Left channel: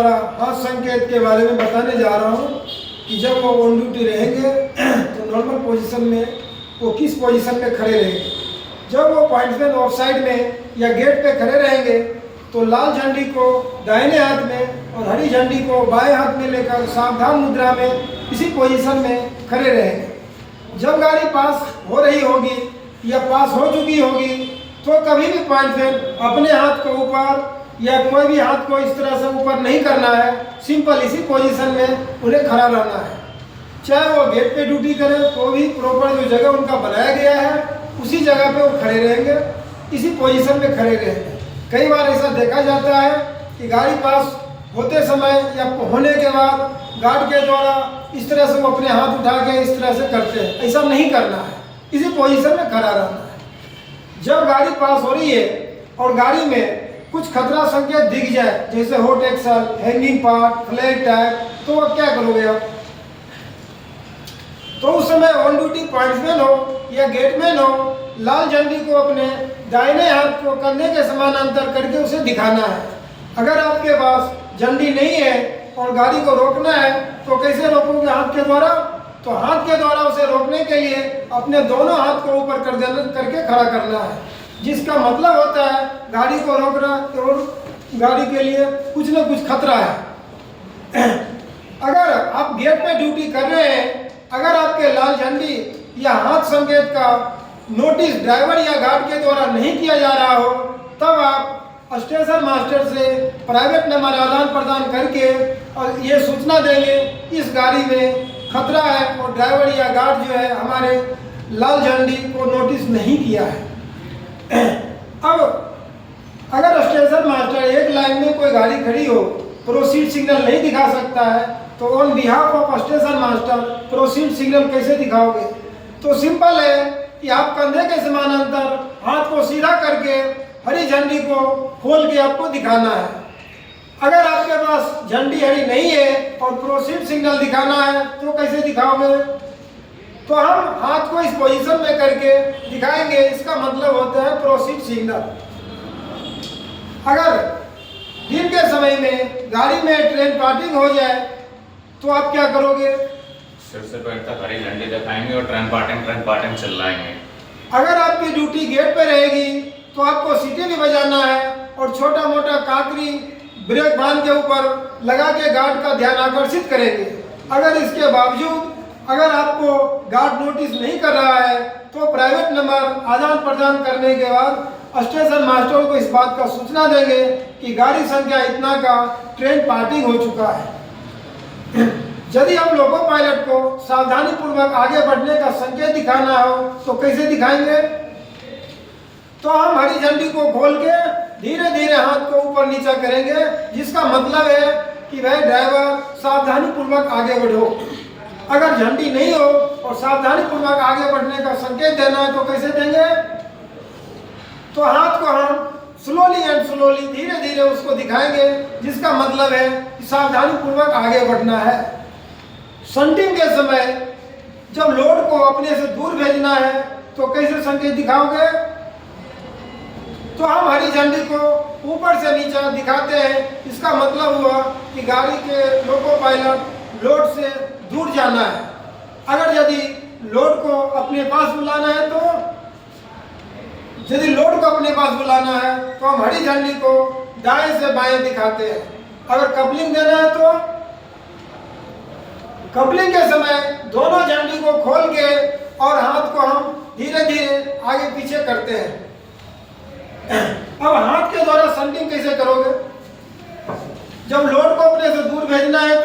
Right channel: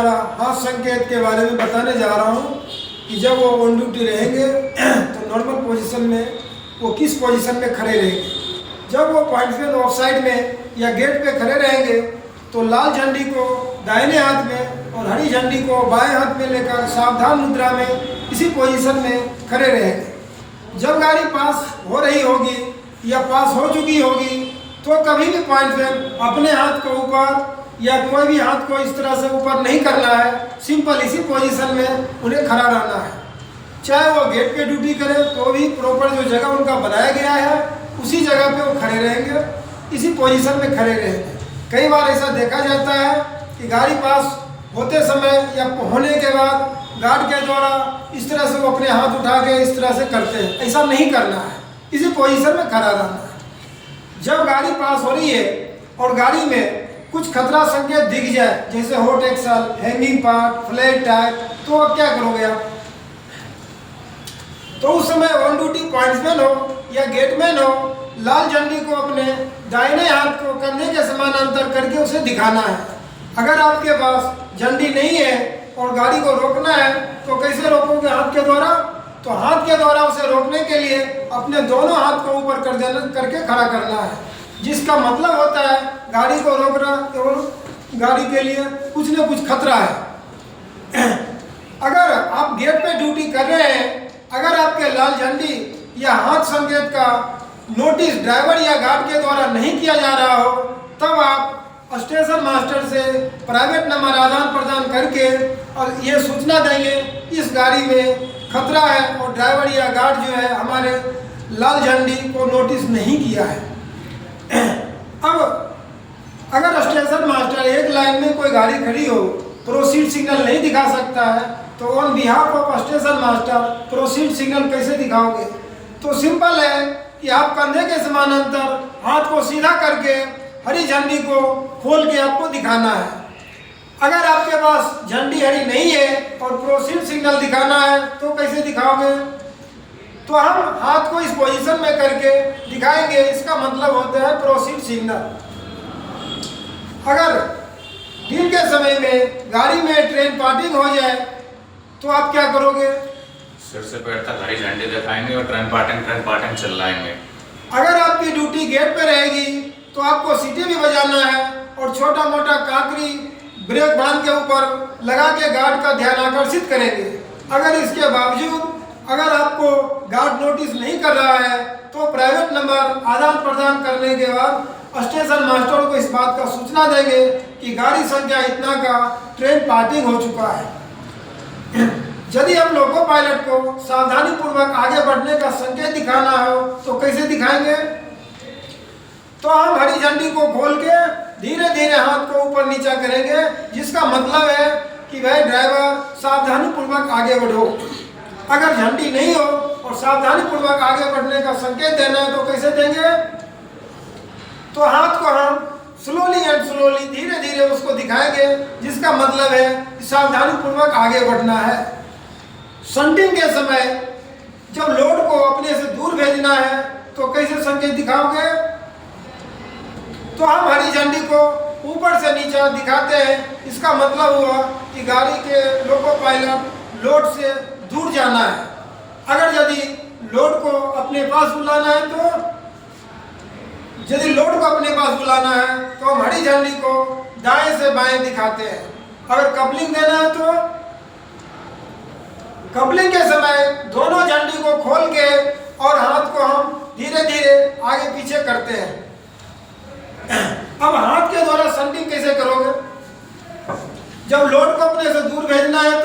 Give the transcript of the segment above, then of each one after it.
द्वारा हाथ संकेत के बारे में बताने जा रहा हूँ कि जब वो ऑन ड्यूटी रहेंगे तो नॉर्मल पोजीशन में वो किस पोजीशन में खड़े रहेंगे। जब वो पॉइंट्समैन ऑफ साइड में या गेट पे खड़े रहेंगे तो लाल झंडी को दाहिने हाथ में और हरी झंडी को बाएं हाथ में लेकर सावधान मुद्रा में इसी पोजीशन में खड़े रहेंगे। जब गाड़ी पास हो रही होगी या पास हो चुकी होगी तो कभी भी पॉइंट्समैन अपने हाथ को ऊपर या कोई भी हाथ को इस तरह से ऊपर नहीं करना है। सिंपल इसी पोजीशन में उन्हें खड़ा रहना है। चाहे वो गेट पे ड्यूटी करें तो भी प्रॉपर जो जगह उनका बनाया गया है उसी जगह पे वो खड़े रहेंगे, इसी पोजीशन में खड़े रहेंगे। कई बार ऐसा देखा जाता है कि गाड़ी पास होते समय या होने के बाद गार्ड के द्वारा इस तरह से वो अपने हाथ उठा के इस तरह से करते हैं। ऐसा नहीं करना है, इसी पोजीशन में खड़ा रहना है। जब गाड़ी पास हो रही है और गाड़ी में कुछ खतरा संकेत दिख जाए जैसे hot axle, hanging part, flat tyre, तो अब क्या करोगे आप? तो उस समय ऑन ड्यूटी पॉइंट्समैन हो या गेटमैन हो, लाल झंडी को अपने दाहिने हाथ को कंधे के समानांतर करके उसे दिखाना है। अगर आपके पास झंडी नहीं है और गाड़ी को रोकना है तो कैसे रोकोगे? हाथ के द्वारा। तो हाथ के द्वारा उसे रोकने के लिए अपने दोनों हाथ को ऊपर कर देना, करके खड़ा करना है, जिसका मतलब होता है गाड़ी को रोकना और गाड़ी के लिए कुछ न कुछ खतरा है। अगर आप गेट पे ड्यूटी कर रहे हैं, अगर आपके लाल झंडी या हाथ संकेत का नोटिस ड्राइवर या गार्ड के द्वारा नहीं किया जा रहा हो, तब आप स्टेशन मास्टर से प्राइवेट नंबर आदान प्रदान करके और ये सूचना देंगे इस गाड़ी में खतरा है और ड्राइवर या गार्ड जो है हमारे लाल झंडी को नोटिस नहीं किया है। अब अगर स्टेशन मास्टर एक लाइन में कोई गाड़ी खड़ी हो, प्रोसीड सिग्नल नहीं दिखा सकता है, तो on behalf of station master proceed signal कैसे दिखाओगे? तो सिंपल है कि आप कंधे के समानांतर हाथ को सीधा करके हरी झंडी को खोल के आपको दिखाना है। अगर आपके पास झंडी हरी नहीं है और प्रोसीड सिग्नल दिखाना है तो कैसे दिखाओगे? तो हम हाथ को इस पोजीशन में करके दिखाएंगे, इसका मतलब होता है प्रोसीड सिग्नल। अगर दिन के समय में गाड़ी में ट्रेन पार्किंग हो जाए तो आप क्या करोगे? सिर से पैर तक हरी झंडी दिखाएंगे और ट्रेन पार्टिंग चिल्लाएंगे। अगर आपकी ड्यूटी गेट पे रहेगी तो आपको सीटी भी बजाना है और छोटा मोटा काकरी ब्रेक बांध के ऊपर लगा के गार्ड का ध्यान आकर्षित करेंगे। अगर इसके बावजूद अगर आपको गार्ड नोटिस नहीं कर रहा है तो प्राइवेट नंबर आदान प्रदान करने के बाद स्टेशन मास्टर को इस बात का सूचना देंगे कि गाड़ी संख्या इतना का ट्रेन पार्किंग हो चुका है। यदि हम लोको पायलट को सावधानी पूर्वक आगे बढ़ने का संकेत दिखाना हो तो कैसे दिखाएंगे? तो हम हरी झंडी को खोल के धीरे धीरे हाथ को ऊपर नीचा करेंगे, जिसका मतलब है कि भाई ड्राइवर सावधानी पूर्वक आगे बढ़ो। अगर झंडी नहीं हो और सावधानी पूर्वक आगे बढ़ने का संकेत देना है तो कैसे देंगे? तो हाथ को हम स्लोली धीरे धीरे उसको दिखाएंगे, जिसका मतलब है कि सावधानी पूर्वक आगे बढ़ना है। शंटिंग के समय जब लोड को अपने से दूर भेजना है तो कैसे संकेत दिखाओगे? तो हम हरी झंडी को ऊपर से नीचे दिखाते हैं, इसका मतलब हुआ कि गाड़ी के लोको पायलट लोड से दूर जाना है। अगर यदि लोड को अपने पास बुलाना है तो हम हरी झंडी को दाएं से बाएं दिखाते हैं। अगर कपलिंग देना है तो कपलिंग के समय दोनों झंडी को खोल के और हाथ को हम धीरे धीरे आगे पीछे करते हैं। अब हाथ के द्वारा शंटिंग कैसे करोगे? जब लोड को अपने से दूर भेजना है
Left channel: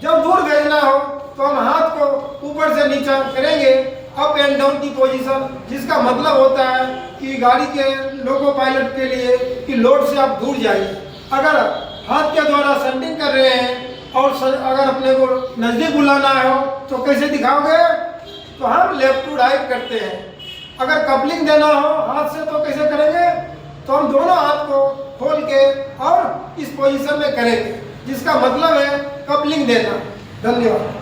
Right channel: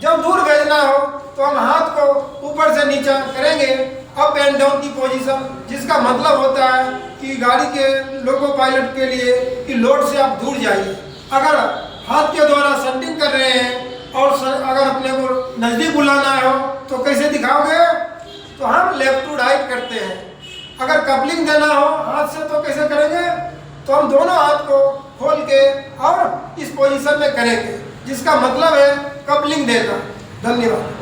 जब दूर भेजना हो तो हम हाथ को ऊपर से नीचे करेंगे, अप एंड डाउन की पोजीशन, जिसका मतलब होता है कि गाड़ी के लोको पायलट के लिए कि लोड से आप दूर जाइए। अगर हाथ के द्वारा शंटिंग कर रहे हैं और अगर अपने को नज़दीक बुलाना हो तो कैसे दिखाओगे? तो हम लेफ्ट टू राइट करते हैं। अगर कपलिंग देना हो हाथ से तो कैसे करेंगे? तो हम दोनों हाथ को खोल के और इस पोजीशन में करेंगे, जिसका मतलब है कपलिंग देना। धन्यवाद।